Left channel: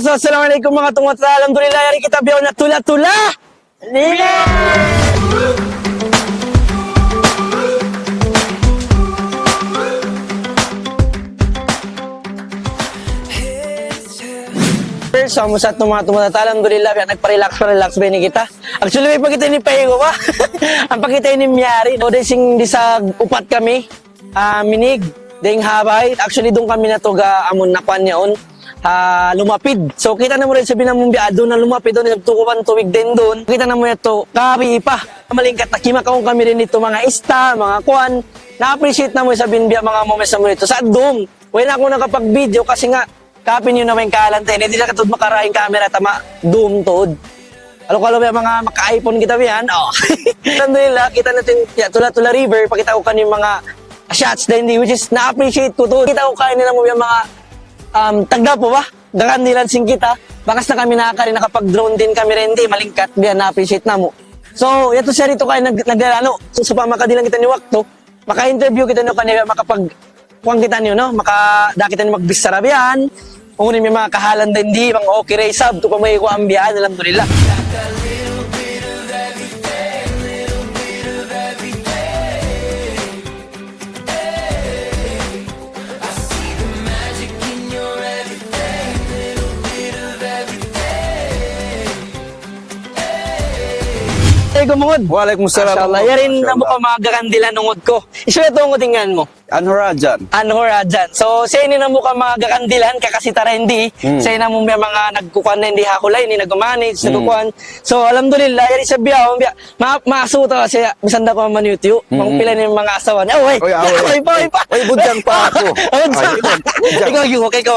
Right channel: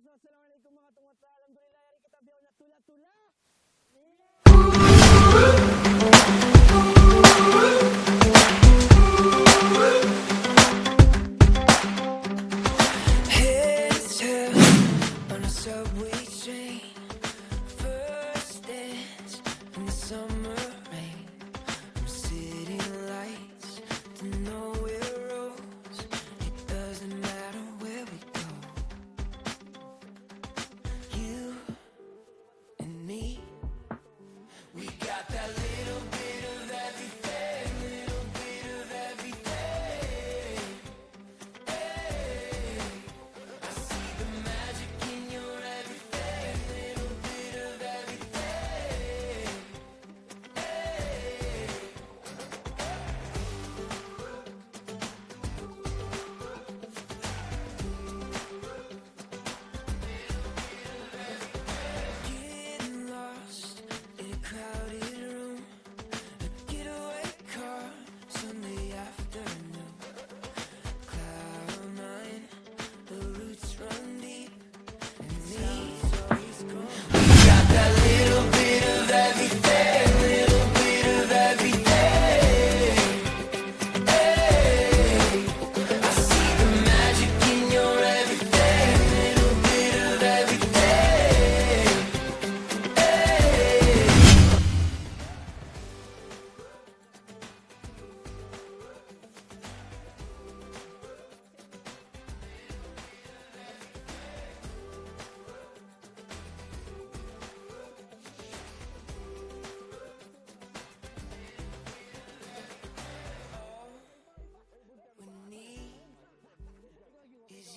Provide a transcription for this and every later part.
So, assalamualaikum mga tungot. Alhamdulillah, yari kita biyaw na tula-tula. Nila! So, musat ng mga tungot. Alhamdulillah, nagpa-relax ba ni kita? Actually, may pagkita ni Pahigo ba? Ang pagkita ni Miyari. O, desing di sa upat kami. Minig, ding habay. Actually, doon kami natuga amon nakuan niyaon. Lumapid. So kita na mo rin sabi na mong biado na lumapid doon, nagtukupan tuwig din doon. Kita na mo ito, kabi pa. Malingkat na kimakaong kami rin ito mga ista, mga kuan. Na-appreciate na mo sabihin biya mga moments na mo ito. Sa doom, wala ako nakapag-video kasi nga, kapin yun naman yung kalantay. Hindi na katod makaraing camera, tama, doom tood. Alo biya mga maka-iPhone kita biyan. Oh. Alhamdulillah, kita natin Tula-Tula River, pakita ko kanyung mga shots din, which is na-appreciate ko to. Kita ko kayo nila mo yung mga tagda po ba? Dakan nilan sing kita. Bakas na kami nakakarin, nakapag-drone din kami rin, di malingkat, biya na-appreciate na mo. So, ito siya rito kayo naglalano. So, sa pamakadilang kita ni Wakto, maka-interview kita nyo kanila, makapag-kuwang kita nyo, no? Makadakita nyo magbisarabihan, ungunin may mga kahalan din, di, mga okay ray sub, ito pa may kuambihan, alhamdulillah. Gumungod. Waalaikumsalam. Mashallah. Yarin na mo ka mga gakandila nungod ko. Isuya ito ang utingan mo. Anhorajan. Anhorajan. So, sa inyo na mo ka mga gakandilan, kakasitara hindi. Sa inyo na mo may mga nagkukuhan na hindi hakulay, hindi nag-manage, nagkukuhan. So, alhamdulillah, yari sa biyaw, maasuta kasi, misanda ko man YouTube, mga pila ng mga asawa niya. Oy, oy pa. Oy, budyang pa ako. Ikaw.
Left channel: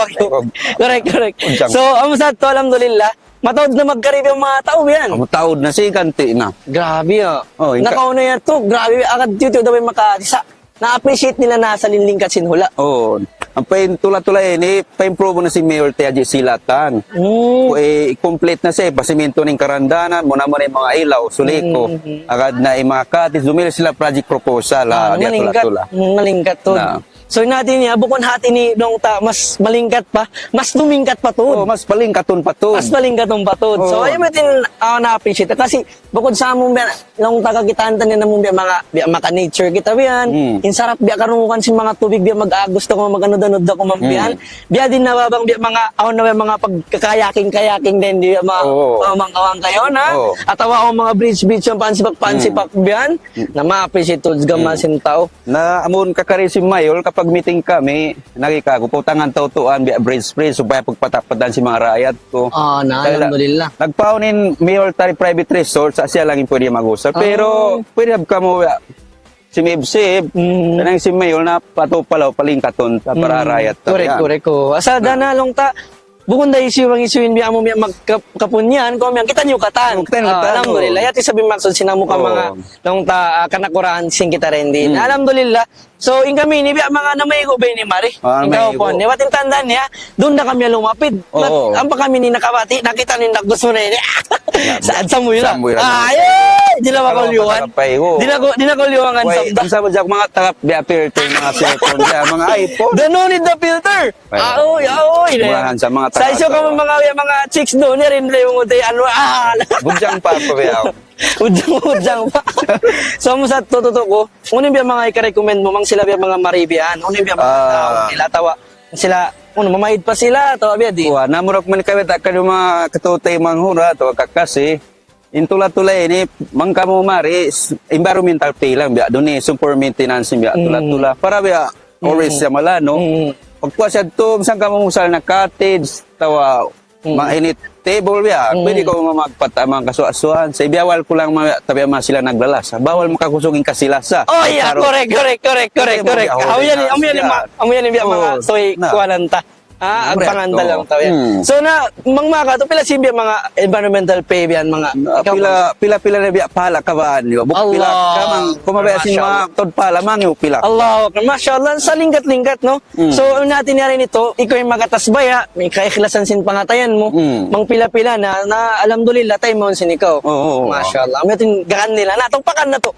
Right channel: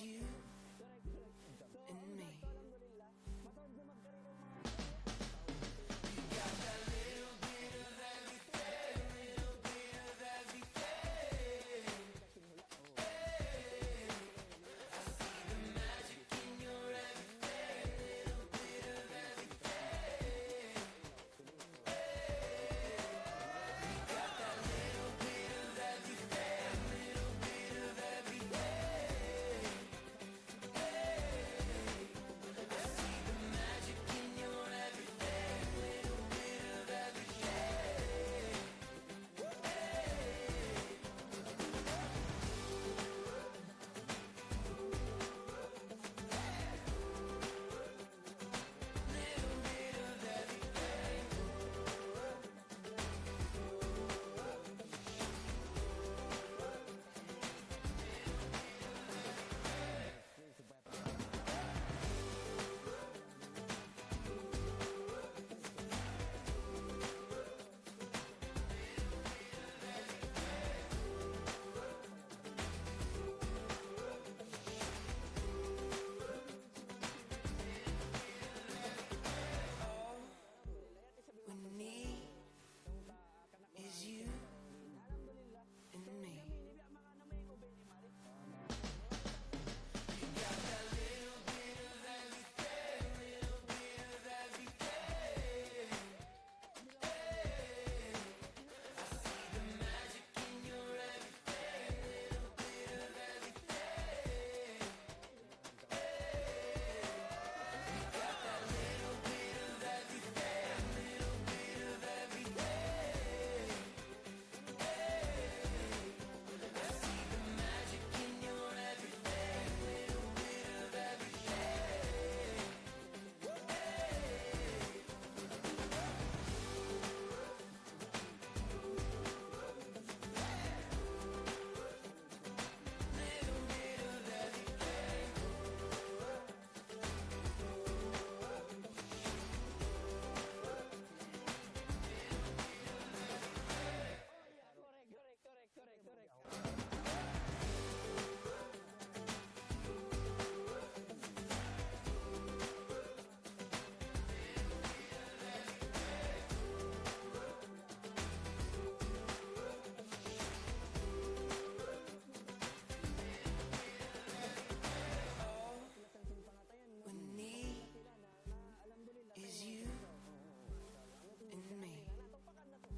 Correct. So, amusad to, alhamdulillah. Matawad na magkarib yung mga tao yan. Taod na si kanti na. Grabe Oh, nakauna yan to. Grabe. Agad YouTube daw may makatisa. Na-appreciate nila na sa linlingkat sinhula. Oh, ang pain tula-tula pa-improve na si Mayor Tiaji Silatan. I-complete na siya, pasimento ng karandanan, muna mo na yung mga ilaw, suliko. Agad na yung mga katis, dumili sila project proposal. Malingkat. Malingkat to. So natin niya, bukod hati ni nung mas malingkat pa, mas dumingkat pa to. Oh, mas palingkaton pa to. Mas malingkat ng patod. So ayun natin na-appreciate. Kasi bukod sa among nung tagakitaan tanin na mong mga maka-nature kita biyan, insarap biya karungukan si mga tubig biya mag-agos ko mag-anod-anod ako mambiyan. Biya din nababang biya mga mga pagkakayaking din di mga awang kayo na. At awa mga bridge yung pansipak biyan na ma-appreciate to gamasin tao. Na amon kakari si Mayor kapag meeting kami, nagikago po tangan tautuan biya bridge supaya pagpatapadan si mga rakyat ko. Alhamdulillah. Nagpaunin Mayor Tari Private Resort sa siya lang yung pwede mag-usap. Pero pwede ka mo si Mibsib, kanang si Mayor na patupalaw palingkaton sa para rakyat. Correct ko. Asa dana long ta bukod na isuin biya mo magkapunyan ko kita niyo katan. Alhamdulillah. Yati sabi maksud sinamo ka mga long ta kanakuraan sing kita rin din. Alhamdulillah. So, in kami, nibiya mga namayigo ba ni Mari? Ikaw po, niwating tandaan niya, doon na kami lumapid. Ang pa kami ni nakabati, nakita ni gusto na yun. Saan sa muyo na? Di na makuliwangan. Di na kuliwangan sa Ang sabi dyan, mga taga filter, mga cellphone, mga iPhone. Don't need the filter. Aoy. Murahan sa mga sa iso ka mga chicks doon, rin yung Budyang pa po yaw. Ujang pa. So mo sa totoo ko, unin biya mga i-recommend mo mang sila biya mga maribian, unin biya mga nila tawa sila, mamahid pa sila, tawa biya di. Namurok man kawit akan yung mga katutay manghura to kakasi. Intula-tula ini mangka mo mari environmental pay lang biya doon super maintenance biya tula-tula para biya always sa malano. Pagkuha siya to, misang ka mo musal na cottage, tawa mainit table biya, pwede ko magpatamang kasuasuhan. Sa ibiyawal ko lang tabi sila naglalasa. Bawal makakusugin kasilasa. Oh yeah, correct. Amuyan biya mga soy kuananta. Ang panganda lang tayo. So na mangmaka to pila simbi mga environmental pay biyan mga pila na biya pala kabaan yo. Pila kamang kumabaya sin mga tod pala mang yo pila. Allah, mashallah sa lingkat no. So natin na rin ito, ikaw yung magatasbaya, may kaikhilasan sin pangatayan mo. Mang pila-pila na alhamdulillah tay mo sin ikaw. Mashallah. May tin gaan nila na pakan na to.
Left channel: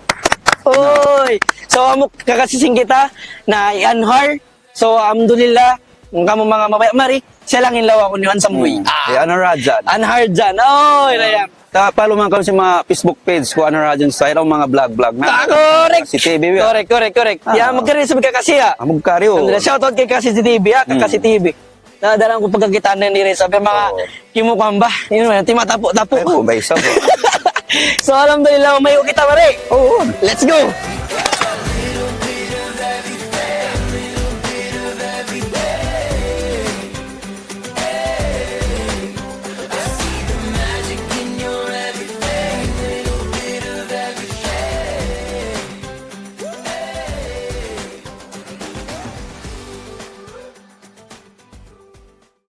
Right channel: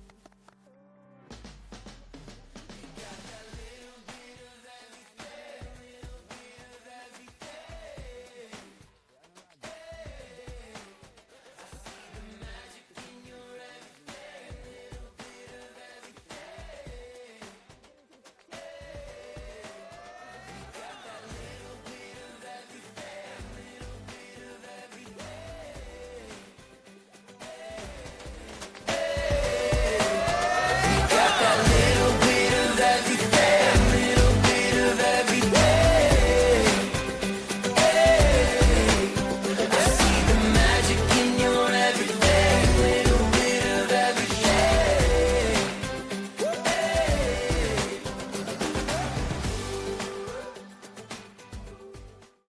Oy. So amo kakasising kita na i-anhar. So alhamdulillah Kung kamo mga mabaya, mari, siya lang inlaw ako ni Juan Samboy. Ano radyan? Unhard dyan. Oh, inayang. Follow man kami sa mga Facebook page ko, ano radyan style, ang mga vlog-vlog na. Correct. Si TV, ya. Correct. Yan, magkaroon sa kasi ha. Amog karyo. Shoutout kay Kasi TV ha, Kasi TV. Nadalang ko pagkakitaan na ni Reza. Mga kimukhang ba? Yun man, timatapo-tapo. Ay, po, ba isa po. So, alhamdulillah, umayo kita, mare. Oo. Let's go!